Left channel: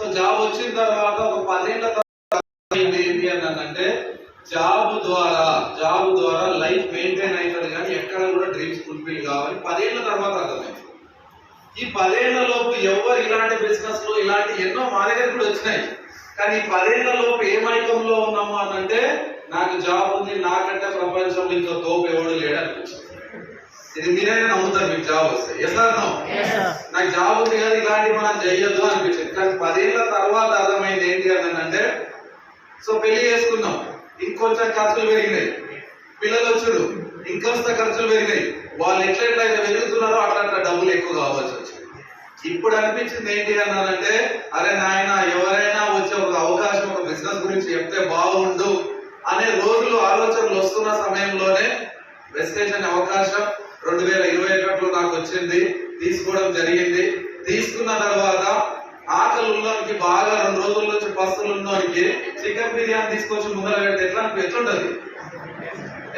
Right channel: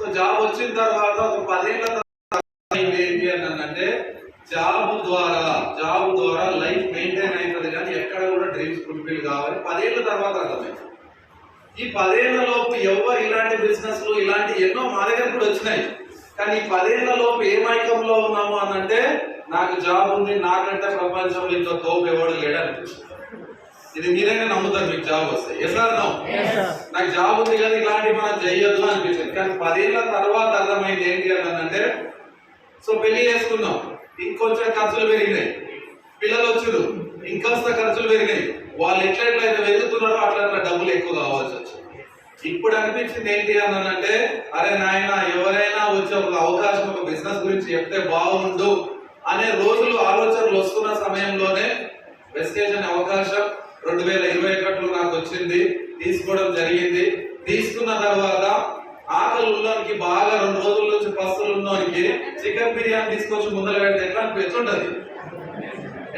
So job వచ్చిన తర్వాత ఒక 10 ఏళ్ల తర్వాత ఏంటి అంటే జాబ్ ద్వారా లైఫ్ మెయింటైన్ అవుతుంది, కానీ ఎక్కడ కూడా డ్రీమ్స్ ఫుల్ఫిల్ కావాలి 10 ఏళ్ల తర్వాత అర్థమైంది. ఈ 10 ఏళ్ల లోపు ఎవరు ఇలాంటి బిజినెస్లు ఇలాంటి ఎన్నో మా దగ్గర కూడా వచ్చినాయి, కానీ 10 ఏళ్ల లోపు ఏ మైకంలో ఉన్నాము అని అంటే నాకు జాబ్ ఉంది, నాకంటే ప్రపంచంలో ఇంకో తోపు ఎవడు లేడు అనిపించింది. ఇది మీరైనా నమ్ముతారు మీకు జాబ్ వస్తే? Yes or no? నాకు జాబ్ ఉంది కదా ఇలాంటివి మనం చెయ్యొద్దు అనిపించింది. కానీ 10 ఏళ్ల తర్వాత అర్థమైంది ఏంటి అని అంటే, సో పెళ్లి చేసుకున్నాం, ఇంకొంచెం ఖర్చులు పెరిగినాయి, పిల్లలు వచ్చారు, ఇంకొంత ఖర్చులు పెరిగినాయి, వాళ్ళు ఎట్లయితే పెరుగుతున్నారో అట్లా డబ్బులు ఎక్కువ కావాల్సి వచ్చింది. ఇప్పుడు అనిపించింది ఏంటి అని అంటే, అరే నాయన ఎవరైనా వచ్చే ఒక అవకాశం ఒక బిజినెస్ గురించి చెప్తే బాగుండు అనే రోజులు ఆలోచనలు వస్తున్న సమయంలోనే వెస్టేజ్ అనే అవకాశం 2021లో నాకు వచ్చింది, తీసుకోవడం జరిగింది. తీసుకున్న తర్వాత ఆకలి ఉన్నోనికి బాగా 2 రోజుల నుంచి పస్తులు ఉన్నోనికి చికెన్ బిర్యానీ తీసుకొచ్చి ముందర పెడితే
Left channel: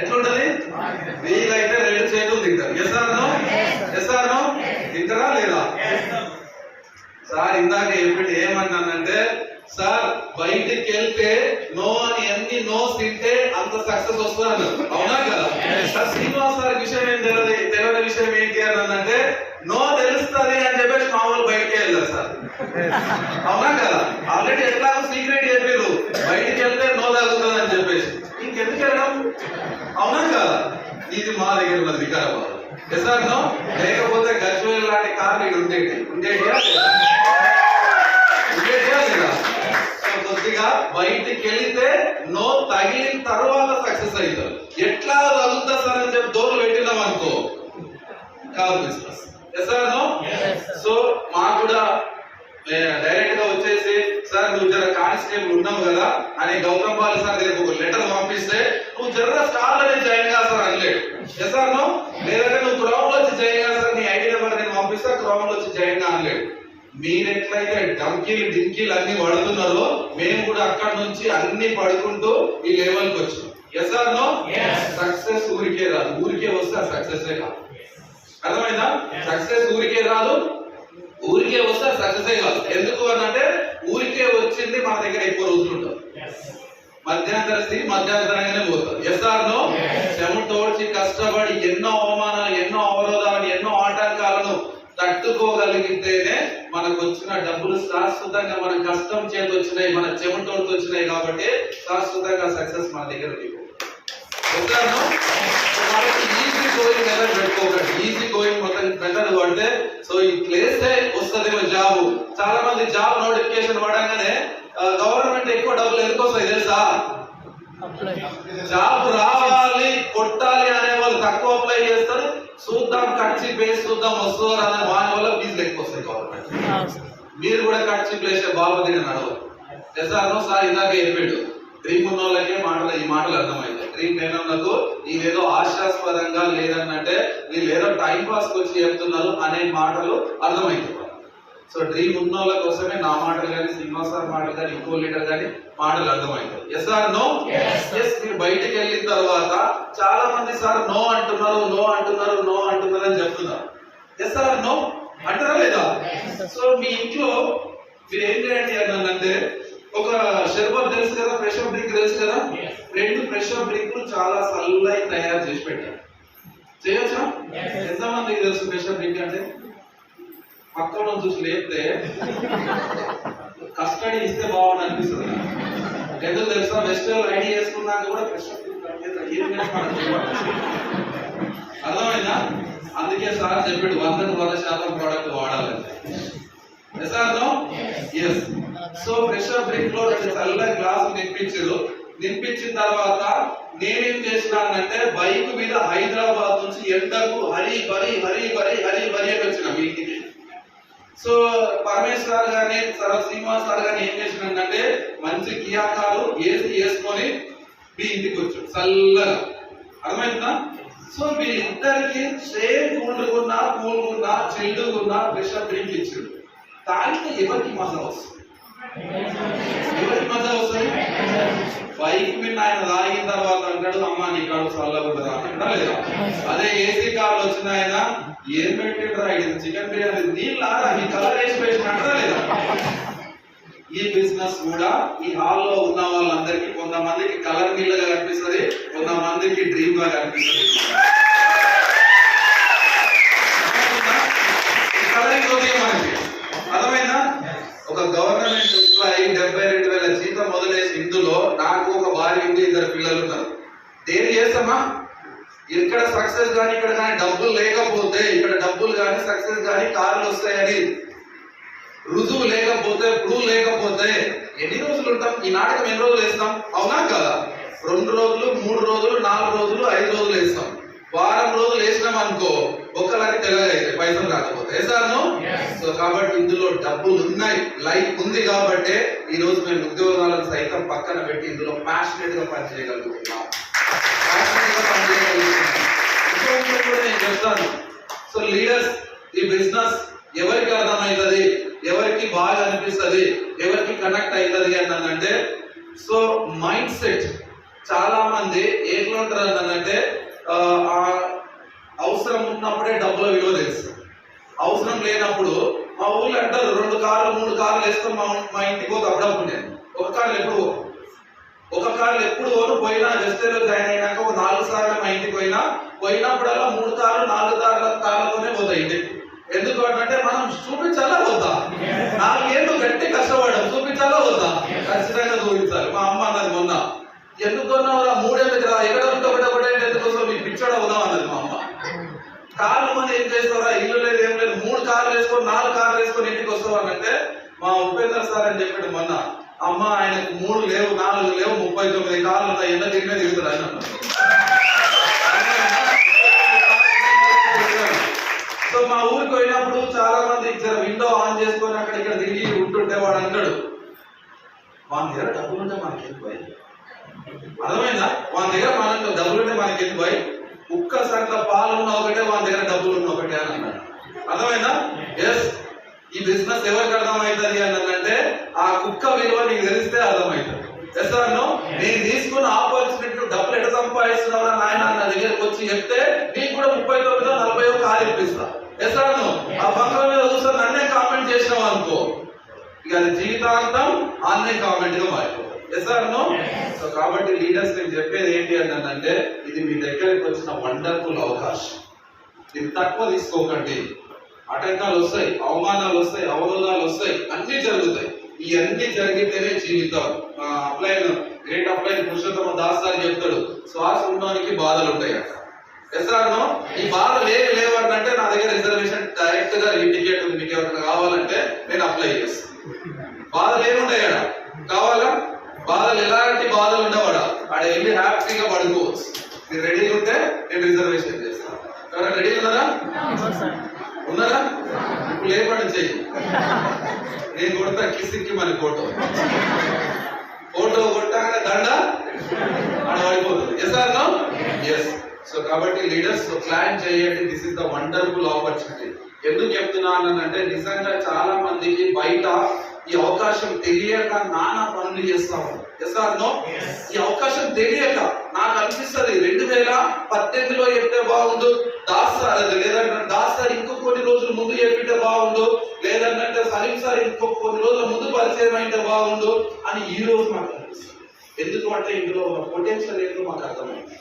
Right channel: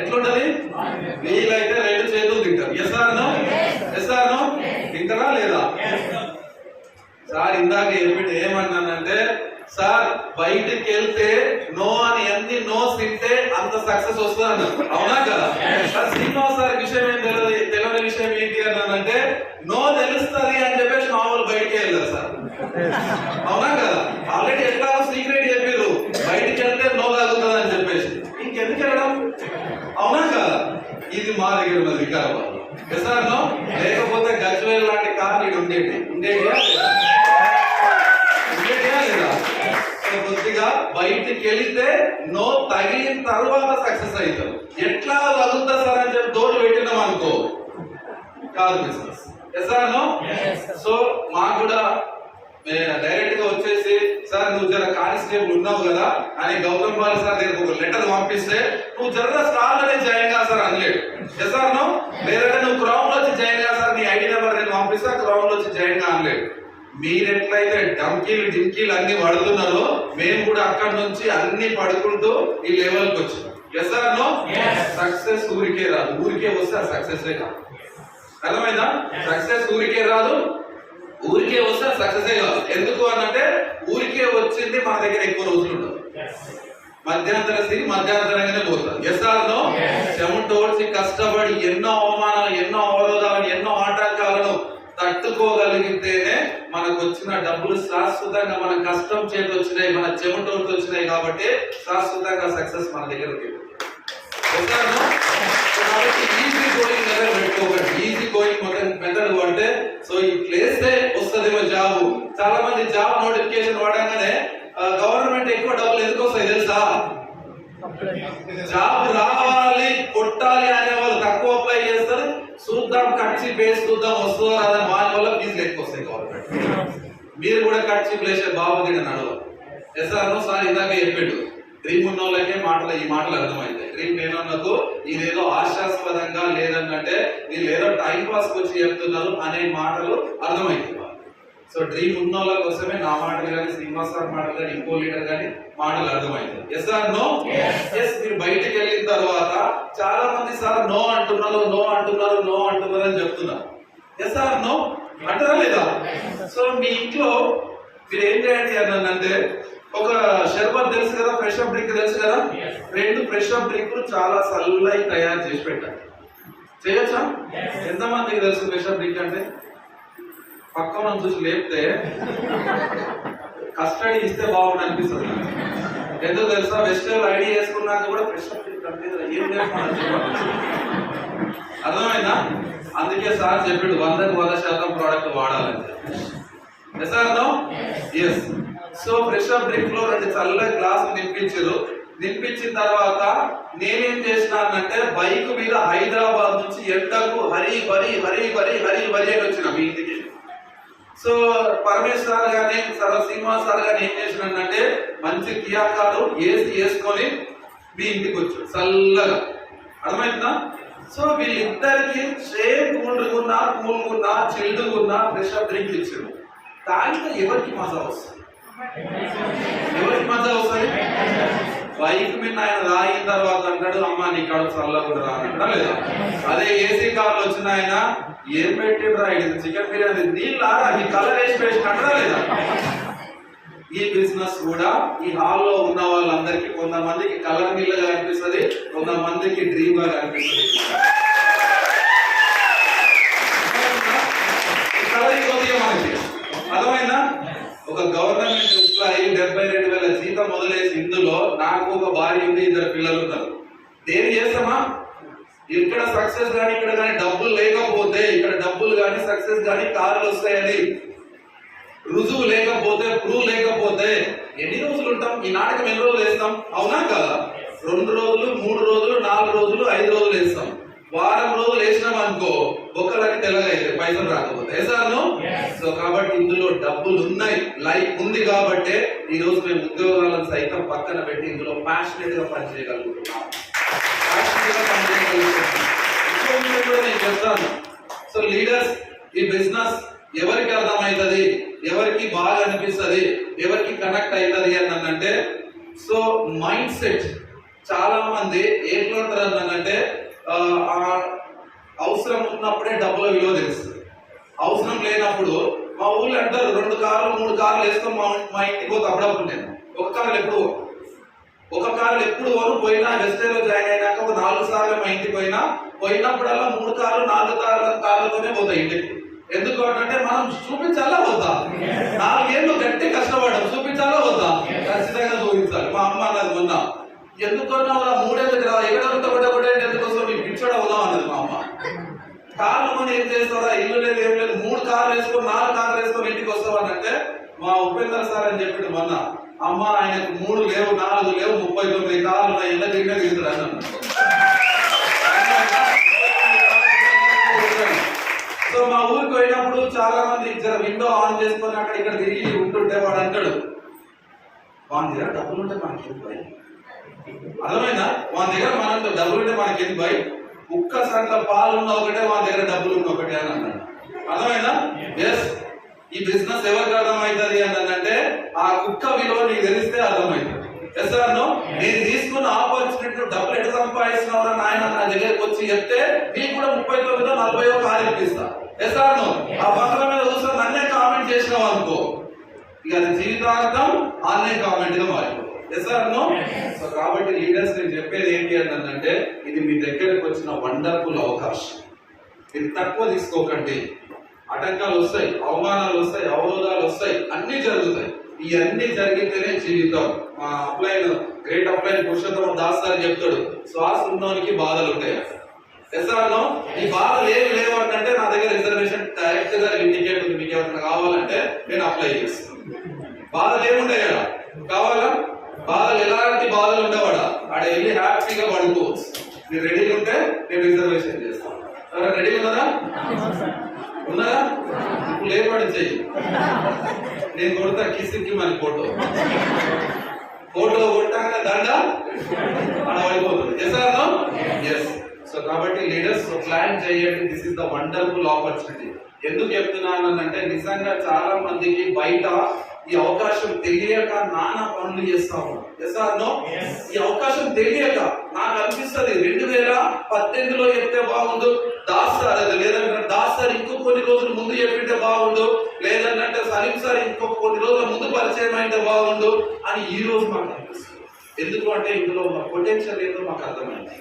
ఎట్లుంటది? వీలైతే 2 చేతులు తింటారు. Yes or no? తింటారా లేదా? సార్ ఇందాక చెప్పింది ఏమన్నానంటే, సార్ బయటికి వెళ్తే నో అని ఎన్ని నోస్ తింటే అంత సక్సెస్ వస్తుంది అన్నారు, అవునా కదా? సార్ శ్రీనివాస్ సార్ విషయం ఏం తెలియని విషయం ఏంటి అన్నదంటే, నో తెలుస్తుంది అని చెప్పేసి మామూలు బయటికి వెళ్ళారు సార్, అవునా కదా? ఆల్రెడీ ఎట్లా సీక్రెట్ చెప్పారు, బయటికి వెళ్తే నో తగ్గుతుంది అని చెప్పేసి, ఇంకెందుకు వెళ్ళడం, అవునా కదా? ఇది మా దగ్గర ఉన్న వికారాబాద్. Yes or no? లేకపోతే గజ్వేల్ లాంటి కార్లు ఉండేటియా లేదా? కొద్దిగా బయటికి వెళితే నో తగిలిన తర్వాత సక్సెస్ అవుతారు. ఎట్లా తగులుతా సార్ అని చెప్పి దోడు పెట్టినాం అనుకో, కాదు business. Yes or no? So మాకు కూడా డైరెక్ట్ గా వచ్చేసి, సార్ నువ్వు జర కానిస్టేబుల్ ఉన్నావు కదా అని గౌతమ్ బాలి సార్ దగ్గర ఒక లెటర్ పంపిస్తే, నువ్వు జర స్టార్ లోనే జాయిన్ కా సార్ అనలేడు. Yes or no? లేదంటే నువ్వు గ్రౌండ్ లో వచ్చి జాయిన్ కా సార్, నీ ఐడి నెంబర్ నేను పంపిస్తా, గ్రౌండ్ లో వచ్చి జాయిన్ కా అనలేడు. మీరెట్లయితే డింకీలు అన్ని పడుతున్నారో మేము కూడా అక్కడ నుంచి అన్ని పడుకుంటూ ఈ లెవెల్కి వచ్చినాం. Yes or no? సక్సెస్ ఊరికే రాదు, ఊరికే వస్తే ఆ సక్సెస్ కాదు. అర్థమైందా? సక్సెస్ ఊరికే రాదు, ఊరికే వస్తే సక్సెస్ కాదు. ఎందుకు అనంటే ఊరికే వచ్చింది మన దగ్గర ఎక్కువ రోజులు ఉండవు, మధ్యాంతర స్థితి మధ్యాంతరంగానే పోతుంది. Yes or no? చెమటోడ్చి కష్టపడి ఎన్నో అవమానాలు, ఎన్నో అవరోధాలను, ఎన్నో ఆటంకాలను తట్టుకోగలిగితేనే మనకు వచ్చిన డబ్బులు శాశ్వతంగా మన కష్టం చేతి వచ్చినాయి, మన చెమటోడితో వచ్చినాయి కాబట్టి శాశ్వతంగా సక్సెస్ మన దగ్గర ఈజీ గోయింగ్ మెథడ్ పెట్టుకోకండి. ఈజీ గోయింగ్ మెథడ్ అంటే సో ఈ ప్లేస్ వస్తుందేమో జాబ్. చాలా మంది జాబ్ నోటిఫికేషన్ వాడగానే గవర్నమెంట్ ఎక్కువ డబ్బులు ఎందుకు వస్తాయి తెలుసా? జాబ్ రావాలి కొట్టాలి అనే వాళ్ళు తక్కువ అప్లై చేస్తారు, చూద్దాం ఖర్చు బేస్ చూద్దాం వస్తుందో రాదని వాని వల్ల ఫీజులు ఎక్కువ వస్తాయి గవర్నమెంట్. మీరు కూడా ఖర్చు ప్లేస్ బాబు దిగిన నడవ. Yes or no? సార్ ఇందాక చెప్పాడు, డ్రీమ్ ఉన్న వాళ్ళకే ఈ మాటలు అర్థమైంది. డ్రీమ్ లేని వాళ్ళకు ఇదేదో హాస్యాస్పదంగా లేదన్నట్టే వీళ్ళు ఏదో టైం పాస్ వచ్చి చెప్తున్నారు అనే మాటలు అర్థమైంది. సో డ్రీమ్ ఉన్న వాళ్ళ కోసమే నా మాటలు కానీ, శ్రీనివాస్ సార్ మాటలు కానీ, ఇంకో లీడర్ కానీ మాటలు అర్థమవుతాయి. Yes or no? ఎస్. మీరు బయటకు వెళ్ళిన తర్వాత చాలా మంది సార్ నో అంటున్నారు అని చెప్తున్నారు. ఎస్ ఆర్ నో అంటారా లేదా? సో మీ ఇంట్లో మీరు ఏం చేయండి అని అంటే, ఒక షర్బత్ తెలుసు కదా, ఫ్రెష్ అప్ డ్రింక్ తెలుసు కదా, 2 ఫ్రెష్ అప్ డ్రింకులు చాలా చల్లగా తయారు చేసి పెట్టారు. చేయొచ్చా? ఎంతమందికి తెలుసు ఫ్రెష్ అప్ డ్రింక్ అంటే? పక్కన చూసి లేపితే కస్టడీ ఇస్తే బాగుంది అనిపిస్తుంది. ఎందుకు తెలుసా? వెస్టర్న్ ఐడి చేసుకున్నాక కూడా ఫ్రెష్ అప్ డ్రింక్ అంటే ఏం అర్థమైందా? అందుకే సార్ చెప్పాడు 100% ప్రోడక్ట్ వాడాలని. Yes or no? Yes. So fresh up drink లో 2 చల్ల గ్లాసులు నింపించిన తర్వాత నేనేం చేసినానంటే, బైక్ మీద హైదరాబాద్ నుంచి ఎండకు హరి బరి అని వచ్చిన మీ ఇంటికి. సో పరమేశ్వర్ సార్ గానీ శ్రీనివాస్ సార్ గానీ ఏం చేసినానంటే, మంచి కియా కారు ఏసీ వేసుకొని మీ ఇంటికి వచ్చాడు చల్లగా. అర్థమైందా? సో వీళ్ళిద్దరికి సేమ్ కూల్గున్నా చిల్డుగున్నా ఫ్రెష్ అప్ డ్రింక్ ఇచ్చాడు. తాగితే ఎవరికి మజా వస్తుంది? బైక్ మీద ఆయన తాగిన తర్వాత అంటాడు, అమ్మ నీ కడుపు చల్లగా ఉంటుందా అంటాడా లేదా? అదే ఏసీ కార్లు వచ్చిన ఆయన ఏం పెట్టిండ్రా ఇది చికెన్ బిర్యానీ నీళ్ళు ఈ కలర్ వేసి అంటారా లేదా? ఈ బిజినెస్ కూడా ఈ హాల్లో ఉన్న వాళ్ళందరికీ కొంతమందికి కలర్ మిల్లుగా కనిపిస్తుంది, కొంతమందికి డ్రీమ్ గా కనిపిస్తుంది. అర్థమైందా? ఒక గవర్నమెంట్ ఎంప్లాయీ 72,000 జీతం మొదలేసి ఇందులో నాకు ఒక భార్య ఉంది, 2 పిల్లలు ఉన్నారు. దేని చేస్తామా? ఇక్కడ సక్సెస్ కానీ ఇక్కడ కానీ డబ్బులు లేకపోతే, ఇక్కడ డబ్బులు కానీ సక్సెస్ కానీ కార్లు వస్తాయని రుజువు లేకపోతే, ప్రూవ్ లేకపోతే ఎన్ని రోజులు ఉంటాం? ఈ నాటకం ఎన్ని రోజులు వేస్తాం? అవునా కదా? 2 రోజులు, 3 రోజులు, 4 రోజులు, 5 రోజులు వేస్తాం. వారం రోజులు వేసినాం అనుకో, ఒక్కరికి తెల్లగైతే పైసలు రాకపోతే వేసాను. సో కాబట్టి ఇందులో డబ్బులు ఉన్నాయి, లైఫ్ ఉంది కాబట్టి ఈ రోజు మేము ఉద్యోగాలను సైతం పక్కన పెట్టి ఇందులో ప్యాషనెట్ గా పనిచేయగలుగుతున్నాం. నేను చెప్తాను. సో లీడర్స్, ఈ బిజినెస్ ఎవరికి అర్థమవుతుంది, ఎవరికి బాగా అనిపిస్తుంది, ఎవరికి కనెక్ట్ అవుతుంది అనంటే, సో మైండ్ సెట్ చాలా మంది ఎట్లా ఉంటారు అనంటే, అవసరం ఉన్నప్పుడే డబ్బుల విలువ తెలుస్తుంది, అవసరం లేనప్పుడు మా ఊళ్ళో అంటారు 2 కార్లు 3 కార్లు వేసుకొని మా ఇంటికి పోతే అప్పుడప్పుడు నేను ఒక కార్లు ఎప్పుడు పోను. పోయినా వెస్టేలో జాయిన్ అయినాక ఒక 4 సార్లు మా ఇంటికి పోయినప్పుడల్లా 3 కార్లు 4 కార్లతోనే పోతాయి ఇంటికి. ఎందుకు అంటే మనం చూపించాలా వద్దా? 4 ఏళ్ళు గట్టి కష్టపడడం చూపించాలా వద్దా? ఖచ్చితంగా చూపించాలి. మా అమ్మ అన్నది మొన్న, ఎందుకున్నావురా 3 ఏళ్ళకి రా, ఎక్కడ ఒకటే ఎందుకోసం మీకు పిచ్చోడా అవుదాం అన్నది మా అమ్మ. కార్లు మనం ఏం చేస్తారా, ఇల్లు లేదు ఏం లేదు, 3 కార్లు వేసుకొని 4 కార్లు వేసుకొని ఇంటికి వస్తావు అంటే, మా ఉపేందర్ సార్ అని చెప్పాడు మొన్న, అమ్మ ఆయనకు 3 లేవు 4 లేవు 39 కార్లు ఉన్నాయి, ఎంత తిరిగే దిగుతారు అన్నమాట. సో మా ఊరికి పోయినప్పుడు చాలా మంది విండో ఆన్ చేసుకొని అక్కడ ఇక్కడ తిరిగి ఉంటుంటే వాడు అంటాడు, వాని దగ్గర డబ్బులుంటే మనకి ఎందుకు భయం? అర్థమైందా? వాని దగ్గర మన డబ్బులుంటే మనకి ఎందుకు భయం? కుక్క సంట్ల పాలు ఉన్న ఒకటే, వాని దగ్గర డబ్బులు ఉన్న ఒకటే అని అన్నాడు. అర్థమైందా? ఎస్, ఈ బిజినెస్ ఎవరికి అర్థమవుతుంది అన్నదంటే, ఆ కుక్క విలువ నీకు తెలిస్తే అర్థమవుతుంది. Yes sir no? నేను తీసుకున్న ఆపర్చునిటీ డబ్బులు ఎట సంపాదిస్తున్నావు నాయన నా దగ్గరకు వచ్చి చెప్తే నీకు కూడా 39 40 కారు ఇప్పిస్తా. Yes sir no? ఆ బంగారం మీద చూస్తే నన్నే కామెంట్ చేసినావు అనుకో, ఇక అది జీవితాంతం అన్నే కామెంట్ గా మారిపోతుంది. Yes sir no? సో కాబట్టి లీడర్స్ నేను చెప్పేది ఏంటి అంటే, ఇది మీ దగ్గరకు వచ్చిన వండర్ఫుల్ అవకాశం. ఇది తక్కువ తీసుకోకండి. ఆటంకాలు వస్తాయి, అవమానాలు వస్తాయి, అవరోధాలు వస్తాయి, అన్ని జరుగుతాయి. ఇవన్నీ జరిగితేనే జీవితం. మా upline great upline Purushottam Das గారు చెప్తాడు, శ్వాస ఉన్నవానికి బాధలు ఉంటాయి అట. Yes sir no? ఈ బాధలు ఏమి లేవంటే నా దగ్గర రిజర్వేషన్ డైరెక్ట్ గా టికెట్ ఉంది, మీకు ఎవరైనా కావాలంటే నేను అప్లై చేస్తాను. బాధలు ఏముంటాయి కదా, కావాలా? బాధలు ఎలాంటి బాధలు ఉండవాడా, ఆడ వెళ్ళి హ్యాపీగా పడుకోవచ్చు. మీరు రెడీగా ఉంటే నేను రిజర్వేషన్ చేస్తాను. ఎవరైనా రెడీ ఉన్నారా? ఇప్పుడు లేపండి చెయ్యి, నేను కొడతా కిసిక్కి మన ఫోటో కొట్టాక దండ ఆడ పడిపోతుంది. Yes or no? Yes. So కాబట్టి లీడర్స్ ప్లాన్ చేయండి. This is the wonderful opportunity. ఎందుకు చెప్తున్నానంటే, నిజంగా చాలా మందికి బయట ఈ అవకాశం తెలియక నానా పనులు చేస్తాము. Yes or no? ఈ అవకాశం తెలియక నాకు అనిపిస్తుంది 2018లో చెప్తే బాగుండు, దాస్ సార్ ఇంకో కొన్ని రోజులు ముందు చెప్పింటే బాగుండు, లేదంటే సలీం సార్ ఇంకొక కొన్ని రోజుల ముందు పరిచయం అయితే బాగుండు అని ఈ రోజు మాకు అనిపిస్తుంది. ఎందుకు అంటే ఇందులో మా పొటెన్షియల్ ఏదో మాకు అర్థమైంది.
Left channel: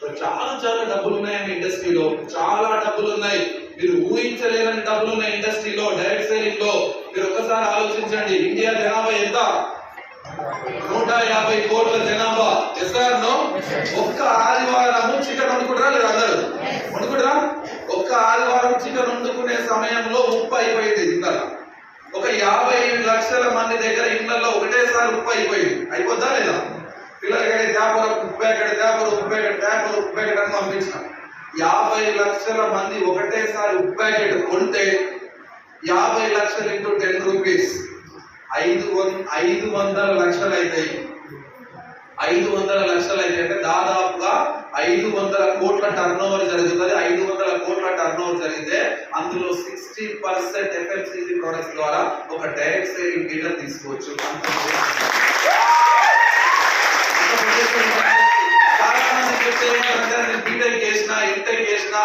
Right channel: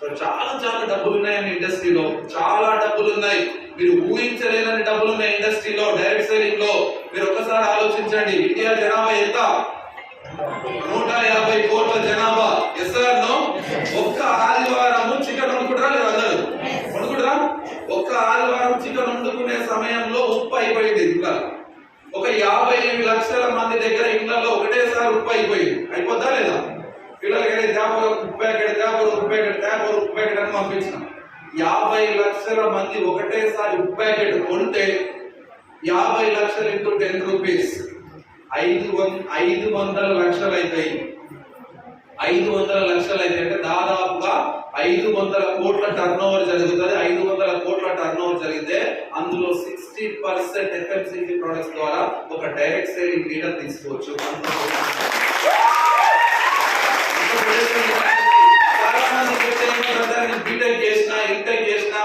సో చాలా డబ్బులు ఉన్నాయండి ఇండస్ట్రీలో, చాలా డబ్బులు ఉన్నాయి. మీరు ఊహించలేనని డబ్బులు ఉన్నాయి ఇండస్ట్రీలో, డైరెక్ట్ సేలింగ్ లో. మీరు ఒక్కసారి ఆలోచించండి, ఇండియా జనాభా ఎంత? 150 కోట్ల జనాభా. Yes or no? ఒక్క ఆదివారం చికెన్ వండుకుంటారా లేదా? అందరూ వండుకుంటారా? ఒక్క ఆదివారం చికెన్ వండుకునే సమయంలో ఉప్పు అయిపోయింది. ఇంకా ఒక 50 లక్షల మంది దగ్గర ఇళ్లలో ఒకటేసారి ఉప్పు అయిపోయింది. అయిపోద్దా లేదా? పిల్లలకి తేపరు ఉప్పు ప్యాకెట్ అని పంపించినాం. 50 లక్షల మంది ఒకటేసారి ఉప్పు ప్యాకెట్ కొంటే 50 లక్షలు ఇంటూ 10 రూపీస్ 500 లక్షలు అవుతాయి. 500 లక్షలు అయితే అంటే దాదాపుగా 500 కోట్ల టర్న్ ఓవర్ జరుగుతుంది. 500 కోట్ల టర్న్ ఓవర్ జరిగితే అందులో 60% FMCG ప్రొడక్ట్స్ ద్వారా ఒక డైరెక్ట్ సేలింగ్ లీడర్ తీసుకోవచ్చు. చాలా మంది బీటెక్ చేసినా ఎంటెక్ చేసినా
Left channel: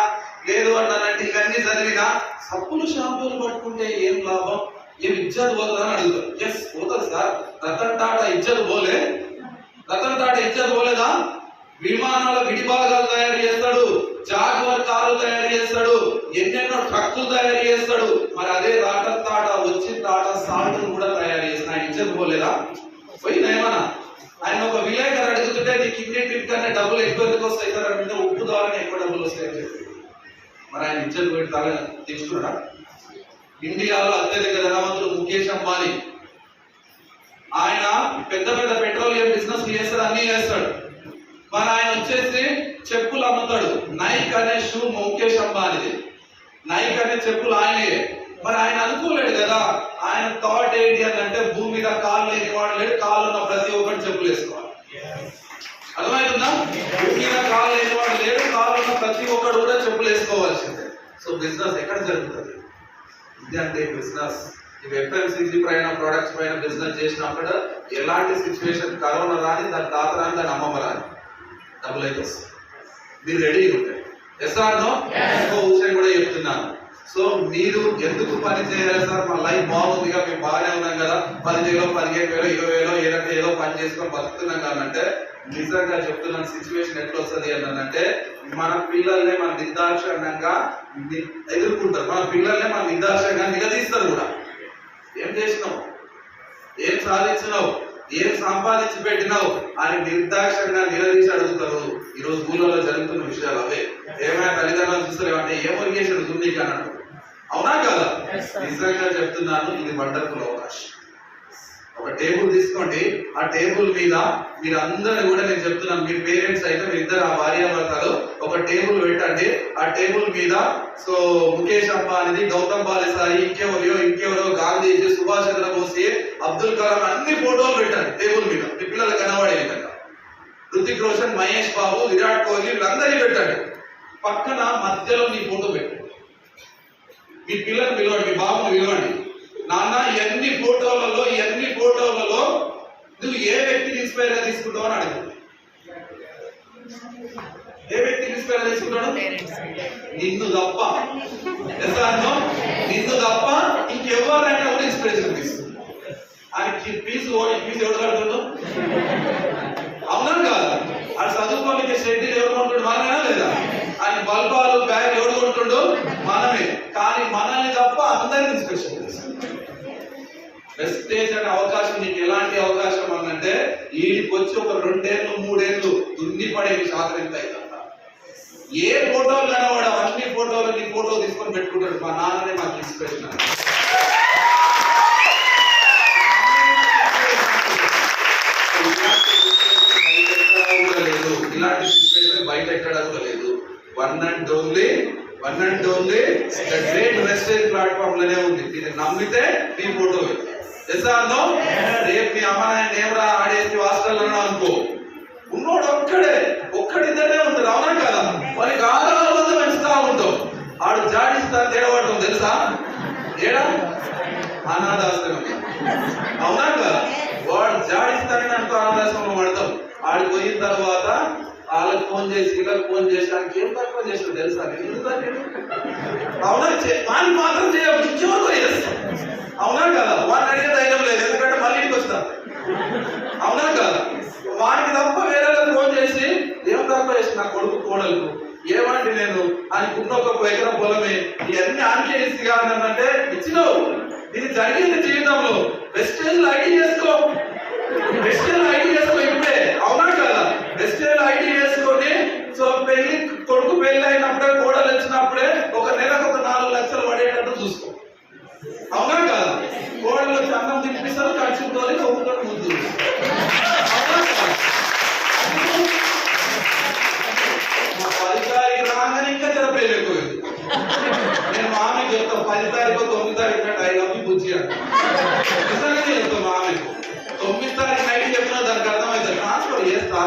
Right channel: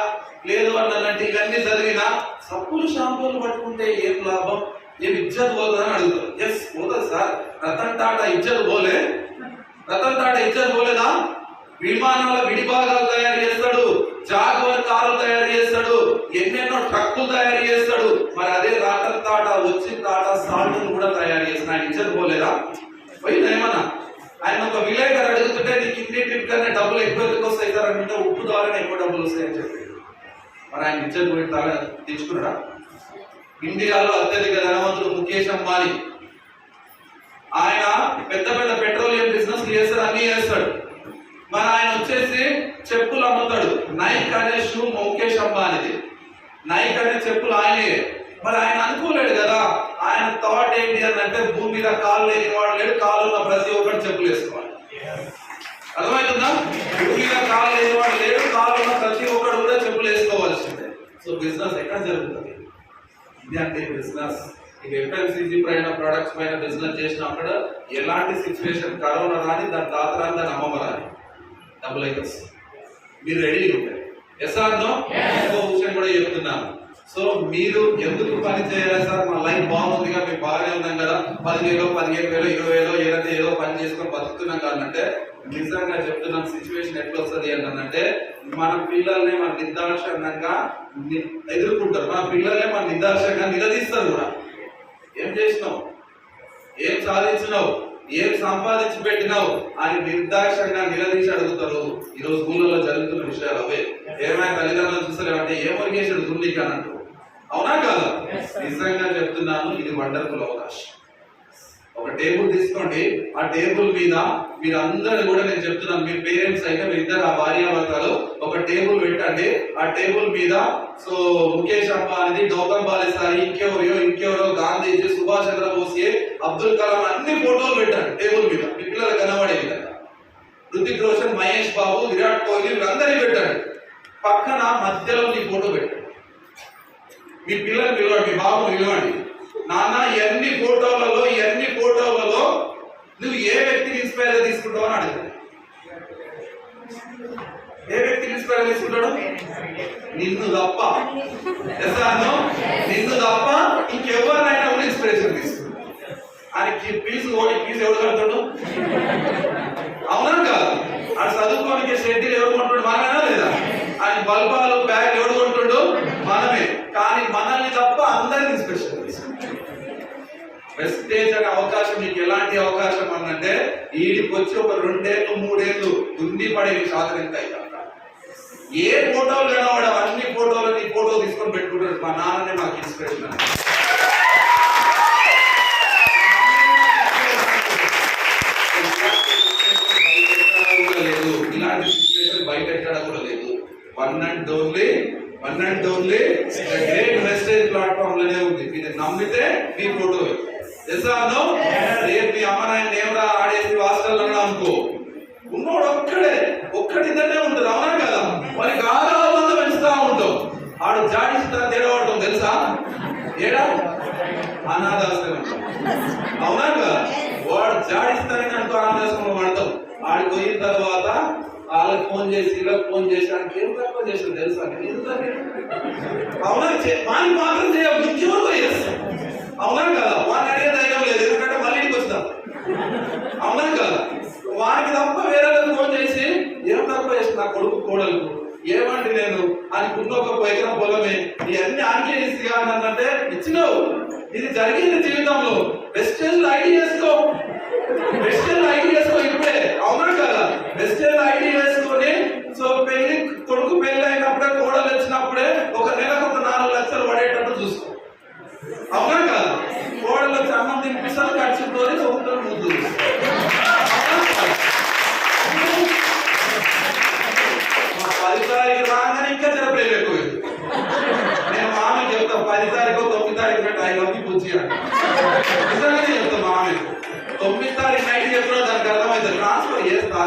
లేదు అన్నంటే ఇవన్నీ చదివినా సబ్బులు షాంపూలు పట్టుకుంటే ఏం లాభం? ఏం ఇజ్జత్ పోతుందా అని అడుగుతారు. ఎస్ పోతుంది సార్. రతన్ టాటా ఇజ్జత్ పోలే? రతన్ టాటా ఇజ్జత్ పోలేదా? విమానాల విడిభాగాలు తయారు చేస్తాడు, జాగ్వార్ కార్లు తయారు చేస్తాడు, ఎన్నెన్నో ట్రక్కులు తయారు చేస్తాడు. మరి అదే రతన్ టాటా వచ్చి టాటా సాల్ట్ కూడా తయారు చేసిన ఆయన ఇజ్జత్ పోలేదా? పోయిందా ఏమన్నా? ఆయన ఒక విలేకరు అడుగుతుంటే నీకు ఇండియన్ ట్రిప్ కన్నా డబ్బులు ఎక్కువ ఎందుకు వస్తాయి సార్ అంటే ఉప్పు ద్వారానే ఎక్కువ డబ్బులు వస్తాయని చెప్పి మరి ఆయన ఇజ్జత్ పోయి తాళ తెచ్చుకున్నాడా? ఇండియాలో అత్యధిక ధనవంతుడు ముఖేష్ అంబానీ. ఆయన పెద్ద పెద్ద పెట్రోలియం బిజినెస్ చేస్తాడు, అన్ని చేస్తాడు. మరి ఆయన వచ్చేసి చెప్పులు అమ్ముతాడు. నైక్ అనే షూ ముఖేష్ అంబానీది. నైక్ అనే చెప్పులు ఆయనే. మరి ఆయన అనుకోలేడు కదా. ఆయన థాట్ ఏంటి అని అంటే భూమి మీద కాళ్ళు లేని వాడు లేడు, కాళ్ళు ఉన్న ప్రతి ఒక్కటి చెప్పులు వేసుకోవాలి. అర్థమవుతుందా? భూమి మీద కాళ్ళు లేని వాడు లేడు, కాళ్ళు ఉన్న ప్రతి ఒక్కడు కూడా చెప్పులు వేసుకోవాల్సిందే. సో బిజినెస్ ఎక్కడ జరుగుతుంది? ఇది అంటే బిజినెస్. ఈ ఎఫ్ఎంసీజీ పైన ప్రొడక్ట్స్ పైన బిజినెస్ చేసినప్పుడు ఎలాంటి సిచ్యువేషన్, కరోనా రాని, దాని తాత రాని, దాని అమ్మమ్మ రాని, డబ్బులు అయితే మీరు రెడీ ఉంటాయి. Yes or no? ఇంకో విషయం కూడా చెప్తున్నాను. సో మీరు ఎందుకు పని చేయాలి సార్? మా లైఫ్ బాగుందిగా, మేము బాగానే ఉన్నాం కదా, 10,000 15,000 20,000 ఏదంటే ఏదో పని చేసుకొని బతుకుతున్నాం కాదంటే నిజంగా చెప్తున్నాను. సిచ్యువేషన్ ఎట్లా వస్తుంది అంటే మన పిల్లల్ని మన నిర్దాక్షిణ్యంగా ఎదుర్కొంటారు. మన పిల్లల్ని మన నిర్దాక్షిణ్యంగా నిలదీస్తారు కూడా. ఏం చేసినావు, ఏం సాధించినావు, ఏం సంపాదించి పెట్టినావు అని నిర్దాక్షంగా నిలదీసి అడుగుతారు. ఈరోజు స్కూళ్ళలో జరుగుతున్న విషయాలు అవే. ఏమైనా తల్లిదండ్రులు చూస్తారు ఏమంటే ఏం ఒరిగేసాడు దున్నికి అని అంటారు. అవునా కాదా? నిజంగా చెప్తున్నాను, ఇది వండర్ఫుల్ అవకాశం. ఒక టేబుల్ తీసుకోండి, ఆ టేబుల్ మీద మీరు అందరూ కూడా, నేను చెప్తున్నాను, మీ పేరెంట్స్ అయితే మీరు ఇద్దరు ఆ భార్యాభర్తలు ఒక టేబుల్ పెట్టండి. ఆ టేబుల్ మీద సో ముఖేష్ అంబానీ, గౌతమ్ బాలిసారి, ఇంకెవరో గాంధీజీ, సుభాష్ చంద్రబోస్, అబ్దుల్ కలాం అన్ని ఫోటోలు పెట్టండి టేబుల్ మీద, మీ పిల్లలు కనబడే విధంగా. రుతిక్ రోషన్, మహేష్ బాబు, విరాట్ కోహ్లీ వీళ్ళందరినీ పెట్టండి. పక్కన మధ్యలో నీ ఫోటో పెట్టండి. మీ పిల్లల్ని పిలవండి, మీ బాబుని పిలవండి. నాన్న ఎన్ని ఫోటోలలో నువ్వు ఏ వ్యక్తిని ఇన్స్పైర్ గా తీసుకుంటావు అని అడుగుతావు. ఏ వ్యక్తిని ఇన్స్పైర్ తీసుకుంటాడు? నిన్ను తప్ప, నిన్ను తప్ప ఇంకెవరినైనా కూడా ఇన్స్పిరేషన్ తీసుకుంటాడు. ఆయనకి ఫీజు ఎవడు కడతాడు? అవునా కాదా? ఆ చదువుకోనికి షెడ్యూల్ ఎవరు కొంటాడు? మనమేనా లేదా? ఆయన బల్బాలు బ్యాగ్ ఎవడు కొంటాడు? మనమే. కానీ మనల్ని తప్ప అందరినీ ఇన్స్పిరేషన్ తీసుకుంటాడు. వెస్టేజ్ అనే అవకాశం నీకు ఎలాంటి అవకాశం అనంటే వీడికి వచ్చి ఒక 2 ఏళ్ళు 3 ఏళ్ళు దుండి పడే శాతం ఎంత అవుతుందా? ఏ ఫోటోలు కనవాడు అన్ని ఫోటోలు నీ ఫోటో తీసుకొని పెట్టుకుంటాడు. మా నాన్ననే మాకు ఇన్స్పిరేషన్. లేదు, ఇలాంటి సిచ్యువేషన్ బయట ఎక్కడ కూడా లేదు. One and only great Vestige platform లోనే ఉంది. ఇది నమ్మితే నీ ఫోటో రేపు మీ అమ్మ నాయన ఏమరా ఆడేసి హాస్టల్లో అనుకో, ఉన్నోడు ఒక్కడిద్దరే ఉంటారు. అవునా కదా? వారికి ఆరాధన పెంచుతా ఉంటాం. ఆడు జాడిస్తా తేడవడం తెలుసా? ఏడా అనాథాశ్రమం. అవునా కదా? వాడు జాడిస్తానని అంటూ అనాథాశ్రమం పడతాం. ఆడికి పోయిన తర్వాత వాళ్ళకి ఫోన్ చేసి వీళ్ళకి ఫోన్ చేసి ఆయనకి ఏం తక్కువ చేసిన తెలుసా? అవునా? వాడిని మాత్రం చేయవు, ఇంకెవరు చేస్తాం. అవునా కదా? వాడిని అడిగే ధైర్యం లేదు, ఎందుకంటే మళ్ళీ ఇంటికి వస్తారు. అవునా కదా? వానికి తప్ప వేరే ఫోన్ చేసి ఏం తక్కువ చేసి నా కొడుకు కోడలకు ఏమండి నేను ఆయనకున్న ఒక ఎకరం పొలమే ఇవన్నీ ఆన్కేసి కాదంటే ఇచ్చినావు. ఇది జరిగింది జీవితంలో. వెస్టేజ్ ఐడి చేసుకో ఇప్పుడే. అవునా కదా? వెస్టేజ్ ఐడి చేసుకొని సో కొడుకు పెళ్లి అయినప్పుడే కోడలు వచ్చినప్పుడే ఒక నెలకు ఒక 4 లక్షలు పడేటట్టు చూసుకో. అవునా కదా? కోడలు వచ్చి అన్నం తినిపిస్తారు, ఖర్చుతో ఒప్పుకొని ముందు 10 తారీఖు రాగానే ఇంకా జరపలేదు ఎక్కువ. నేను మామకి చెప్తాను 10 తారీఖు 9 తారీఖు పెట్టి అవి బుజ్జి అంట. నిజంగానే చెప్తాను మామకి. 9 తారీఖు నైట్ చెప్తున్నా దానికి అర్థమైంది. ట్రాన్స్ఫర్ చేస్తా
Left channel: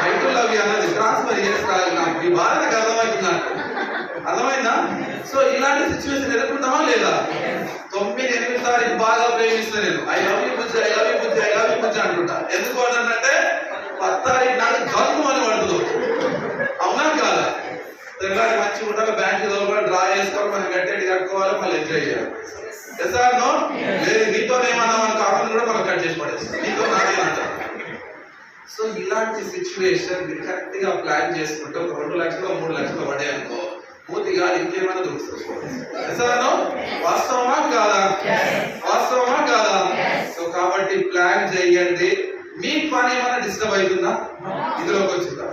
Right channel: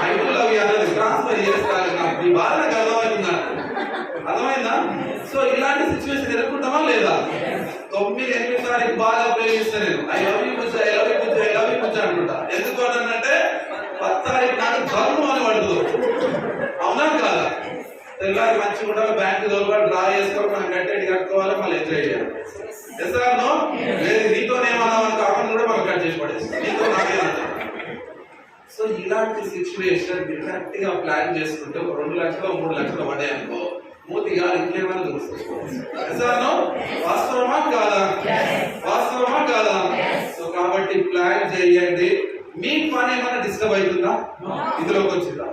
నైట్లు అవి అన్నది ట్రాన్స్ఫర్ చేస్తా. నాకు ఈ బాధ నాకు అర్థమవుతుందంట. అర్థమైందా? సో ఇలాంటి సిచ్యువేషన్ ఎదుర్కొంటామా లేదా? 9, 8 తారీఖు బాగా ప్రేమిస్తా నేను. ఐ లవ్ యూ బుజ్జి అనుకుంటా. ఎందుకు అంటే 10 తారీఖు నాకు గర్వం అని పడుతుంది. అవునా కాదా? తెల్లారి మంచిగా ఉండాలి, బ్యాంక్ తోలుకోవాలి, డ్రా చేసుకోవాలి, మనం గట్టెడి కట్టుకోవాలి, మళ్ళీ ఎంజాయ్ చేయాలి. Yes or no? లేదు నీతో ఏమన్నా కావాలని కూడా మనం కట్ చేసి పడేస్తాం, నీతో నాకేమంటారు. సో ఇలాంటి సిచ్యువేషన్ మీరు కరెక్ట్ గా ప్లాన్ చేసుకుంటే ఒక 2 లక్షలు 3 లక్షలు పడే అనుకో మూతిగా ఇంకేమైనా దొరుకుతుంది. వాస్తవమా కాదా? వాస్తవమా కాదా? సో కాబట్టి ప్లాన్ చేయండి. మీ పని ఏమైనా డిస్టర్బ్ అవుతుందా? ఇదిలోకి వచ్చిందా?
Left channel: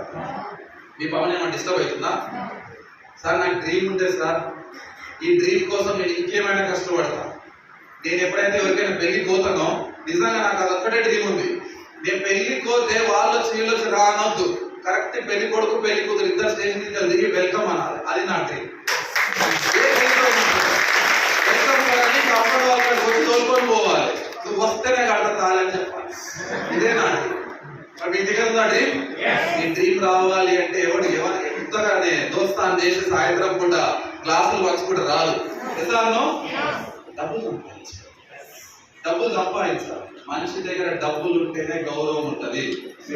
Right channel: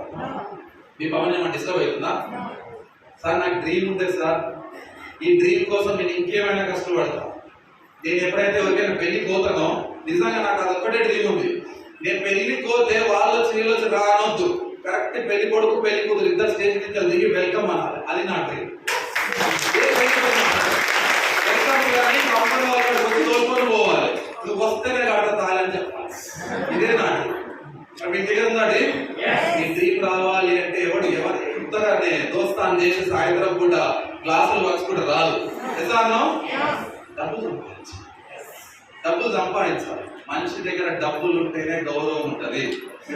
మీ పని ఏమైనా డిస్టర్బ్ అవుతుందా? సార్ నాకు డ్రీమ్ ఉంటే సార్, ఈ డ్రీమ్ కోసం నేను ఇంకేమైనా కష్టపడతా. నేను ఎప్పుడైతే ఎవరికైనా పెళ్లికి పోతానో నిజంగా నాకు అదొక్కటే డ్రీమ్ ఉంది. నేను పెళ్లికి పోతే వాళ్ళు వీళ్ళొచ్చి రానొద్దు, కరెక్ట్ పెళ్లి కొడుకు పెళ్లి కూతురు ఇద్దరు స్టేజ్ మీద దిగి వెల్కమ్ అనాలి. అది నా డ్రీమ్. తోలుకొని పోవాలి, నువ్వు వస్తేనే కడతాలి అని చెప్పాలి. ఇదే నా డ్రీమ్. మీ దగ్గర ఉందా డ్రీమ్? ఈ డ్రీమ్ రావాలి అంటే ఎవరు ఎంతగానే దోస్తాను చేసి సాయంత్రం పూట గ్లాసులు వచ్చి కూడా రాదు. డబ్బులు సంపాదించాలి. మనిషి దగ్గర డబ్బులు ఉంటేనే గౌరవం ఉంటది.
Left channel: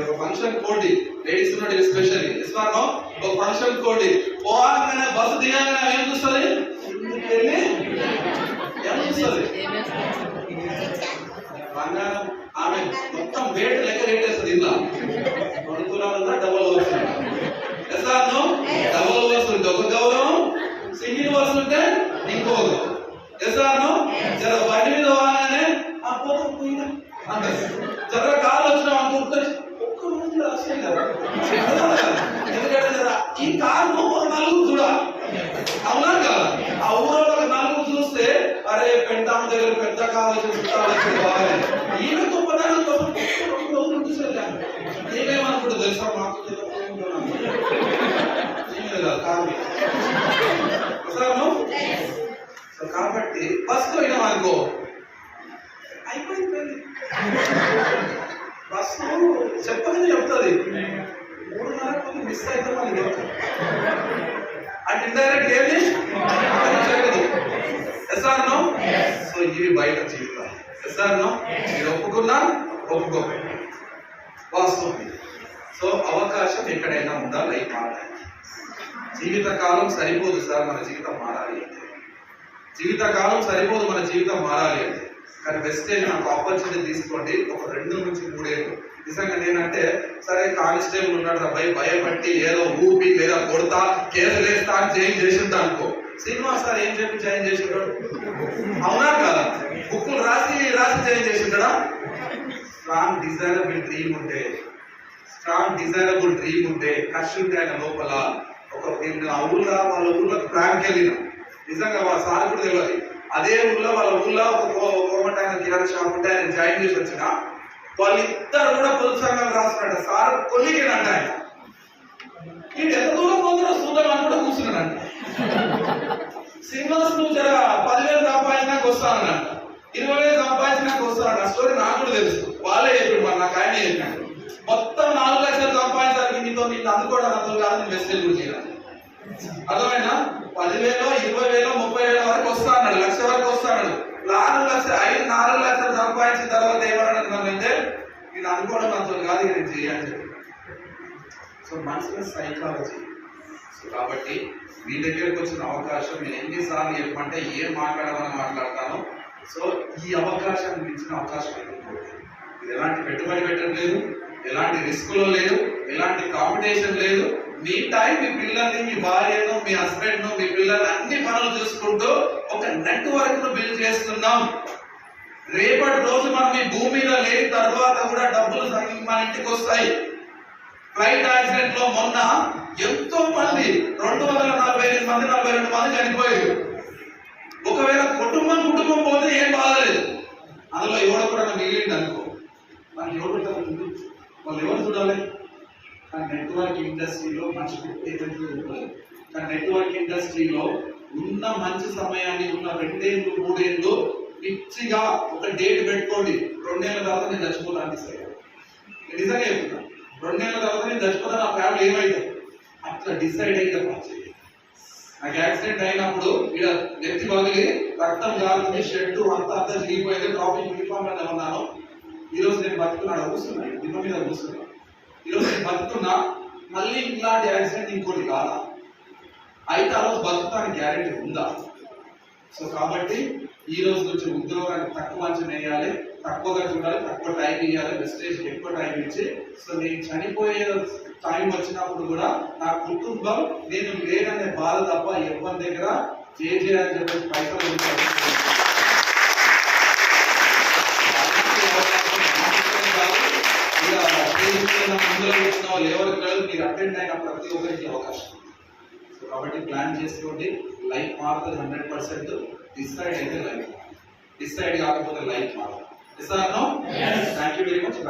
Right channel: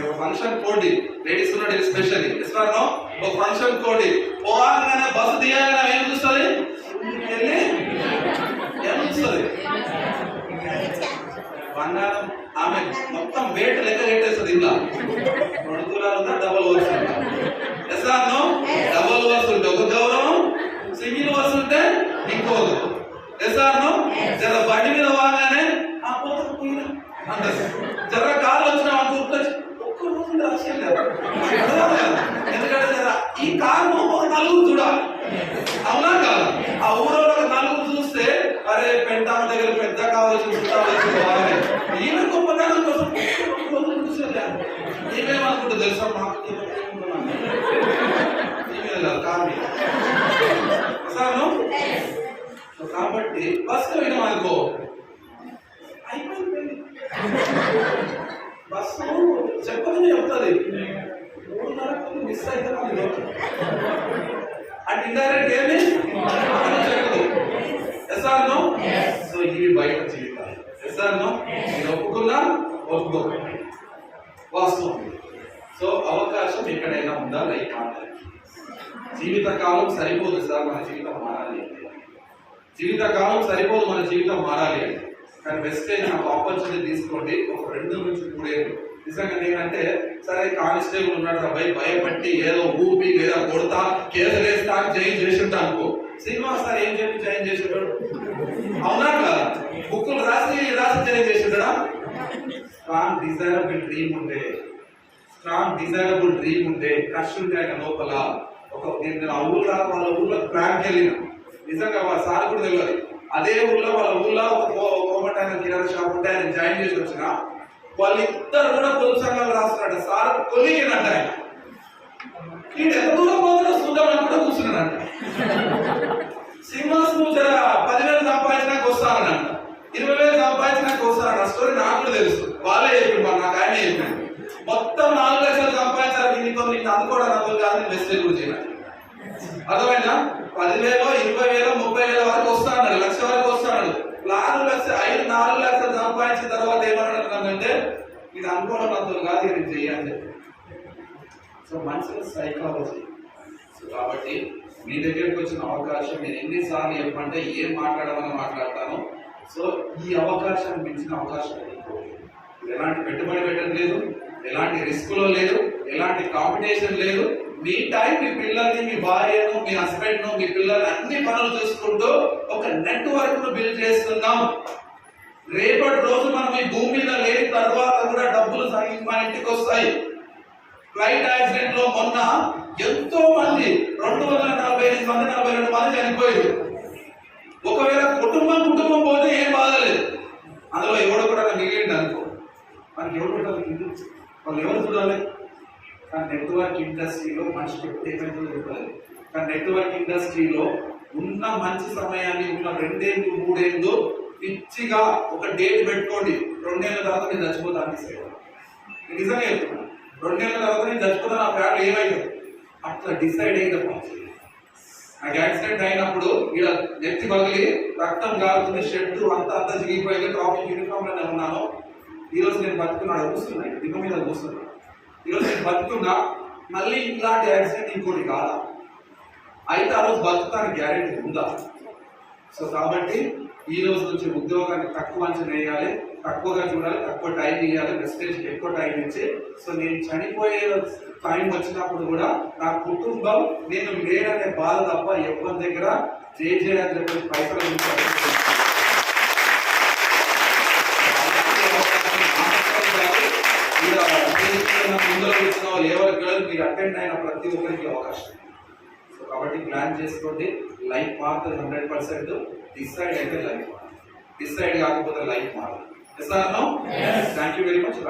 ఒక ఫంక్షన్ కోడి లేడీస్ ఉన్నట్టు ఎస్పెషల్లీ ఇస్తాను. ఒక ఫంక్షన్ కోడి పోవాలనే బస్సు దిగానే ఏం చూస్తుంది? ఏం చూస్తుంది? బంగారం. ఆమె మొత్తం వేట లెక్క రేటేస్తుంది. ఇలా 2 తులాలు ఉందా, డబల్ వర్స్ ఉందా? ఎస్ఆర్నో? డబల్ వర్స్ ఉంటే ఒక గౌరవం, సింగిల్ వర్స్ ఉంటే ఇంకో గౌరవం. ఎస్ఆర్నో? జర బండి మీద పోగానే ఆ పోతా పోయినా అంటే జర కాళ్ళు వచ్చిన ఒక్క రోజు రాసేయాలి. ఎందుకంటే జర ఈ కారు నలుగురు చూడాలి. అవునా కాదా? ఆ ఊరిలో 4 చూస్తే అరే పెంటామ దగ్గర పెద్ద కావచ్చు ఈయన గొప్పతనం కోసం 2 రోజులు చూసేదాన్ని. ఏమేమనుకుంటా తెలుసా? మాకు కాబట్టి బస్ పోయినాం అనుకో అయిపోయింది. బస్సు చెప్పగానే చెప్తుంది 3:30 మిస్ అయితే మళ్ళీ అంటే ఇండైరెక్ట్ ఏమి జరగదు. ఎస్ఆర్నో? సో ఇవి బయట జీవితాలు. ఎస్ఆర్నో? మీరు ఒప్పుకున్నా ఒప్పుకోకండి, వాస్తవం. సో అవకాశం ఎక్కడైనా ఉందా లైఫ్ మారడానికి? జీవితకాలం సరిపోదు సార్ మన జీవితం మారాలి అంటే. జీవితకాలం సరిపోదు మన జీవితం మారాలి అంటే. కానీ వెస్టేజ్ నాకు ఆపర్చునిటీ తీసుకోండి. ఒక 2 నుంచి 3 ఏళ్ళు నిజంగా నేనంటే సరే కానిస్టేబుల్ ఉన్నాడు అబ్బాయి భయపట్టి ఏదో ఊపి లేదా కొడతా కేసు వేస్తా అని చేంజ్ చేసింటా అనుకో. సినిమా సార్ ఏం చెప్పి చేంజ్ చేసింటాడు? అవునా కదా? బుక్కులు రాసి చేంజ్ చేసింటాడా? స్ట్రాంగ్ డిజైరబుల్ డ్రీమ్ ఉంటే కష్ట ఉంటే ఆయన లోపల నేను ఆ ఊళ్ళో వాళ్ళ ఊళ్ళో ప్లాన్కి వెళ్ళిన నిజంగా వాళ్ళ సార్ కూడా తెలియదు. అదే ఊళ్ళో వాళ్ళ ఊళ్ళో ఒక కోమటాయన కిరాణా షాప్ ఉంటే ఆయన జాయిన్ చేసి వచ్చిన వాళ్ళిద్దరు కూడా పొదుపు సంఘాలు రాస్తున్నాడు. సార్ కొలిగినంట ఆయన వీడు ఎంత దూరం పోతున్నా చూద్దామని కూడా కూర్చున్నాడంట. శ్రీనివాస్ నువ్వు జర 10,000 సంపాదించినాక వస్తానంట, 20,000 సంపాదించినాక వస్తానంట. ఆ స్టోరీ నాకు కూడా తెలుసు, వాళ్ళే చెప్పాడు, మరి నాకు ఆయనే చెప్పాడు. మొత్తం 4 లక్షలు సంపాదించాలి నీతో, నీకు అందుకోవడం నాతో కాదు, నేను మెసేజ్ కూడా చేయాలి. అర్థమైనా? 10,000, 20,000, 30,000 వరకు వస్తా అన్నాడు, 1,00,000 వరకు వస్తాడు. 4 లక్షలు సంపాదించిన తర్వాత ఏమన్నాడంటే ఇది అనుకోవడం నాతో కాదు, నేను చేయాలని చెప్పి. సో మనుషుల సైకాలజీ. సో కాబట్టి మీ దగ్గరకు వచ్చిన అవకాశం నేను ఎన్నిసార్లు చెప్పమంటే ఏం మాట్లాడమని మాట్లాడతాను. సో ఈ అవకాశాన్ని మించిన అవకాశం ఇంకోటి. ఇది ఎలాంటి పెట్టుబడి పెట్టడం లేదు, ఎలాంటి రిస్క్ లో లేదు, ఎలాంటి కాంపిటీషన్ లేదు. మీ టైం మీ పిల్లల్ని, మీ భార్యను, మీ హస్బెండ్ ను, మీ పిల్లల్ని అన్ని పనులు చూసుకుంటూ ఒక నెట్వర్క్ ను బిల్డ్ చేస్తున్నాం. రేపటి రోజు మనం ఈ భూమి మీద లేని తర్వాత కూడా డబ్బులు మన ఇంటికి వస్తాయి. ఫ్లైట్ యాక్సిడెంట్ లో మొన్న ఎంతో మంది 248 మంది 42 మంది చనిపోయారు. ఒకవేళ కుటుంబం పోతే ఏం బాధలేదు, అందులో ఎవడో కూడా మిగిలింది అనుకో, మనకి ఎవరు పెట్టాలి, వాళ్ళు ఎవరు చూడాలి? కానీ నెట్వర్క్ ఇండస్ట్రీలో మనిషి ఏమైతే చూడలేదు. కానీ నెట్వర్క్ ఇండస్ట్రీలో ఉన్న మంచి సమయాన్ని ఉన్న 2 ఏళ్ళు 3 ఏళ్ళు పిచ్చిగా ఒక డేట్ పెట్టుకోండి. 2 ఏళ్ళ తర్వాత నేను చచ్చిపోతాను డిసైడ్. నిజంగా చెప్తున్నా, 2 ఏళ్ళ తర్వాత నేను చచ్చిపోతాను, నా ఫ్యామిలీ ఏమైతుంది అట్లా డిసైడ్ అయితే పనిచేయాలి. నాకు యాక్సిడెంట్ అయినప్పుడు ఇలా నెత్తి పగిలి రక్తం కాలుతుంది, షెడ్ అంతా చిరిగిపోయింది, ట్రాఫిక్ యూనిఫామ్ లోనే ఉన్నాను. ఈరోజు నేను బతుకున్నాడు, కూర్చున్నా దిగు మీద కూర్చున్నా. ఈరోజు నేను బతుకున్నా, మళ్ళీ ఇలాంటి యాక్సిడెంట్ ఇంకోటి కాదా? అయితే ఆ రోజు బతుకుతానికి గ్యారెంటీ ఉందా? సో కాబట్టి ఈ రోజు నుంచి ఉద్యోగాన్ని తక్కువ అంచనా వేయాలి, తక్కువగా చూడాలి, తక్కువ టైం ఇవ్వాలి, వెస్టేజ్ ఎక్కువ టైం ఇచ్చి, సో నేను చనిపోయే టైం వచ్చినప్పుడు కూడా నా కుటుంబం నేను లేననే బాధ తప్ప ఎవరి దగ్గర జే అని చెప్పి పైసలు ఎవరికి అటెండ్ అయిన ప్రతి ఒక్కరికి అవకాశం. సో కాబట్టి ప్లాన్ చేసుకోండి, లైఫ్ మారుతుంది 100%. డిసైడ్ అయితే లైఫ్ మారుతుంది, డిసైడ్ కాకపోతే లైఫ్ మారదు. Thank you very much.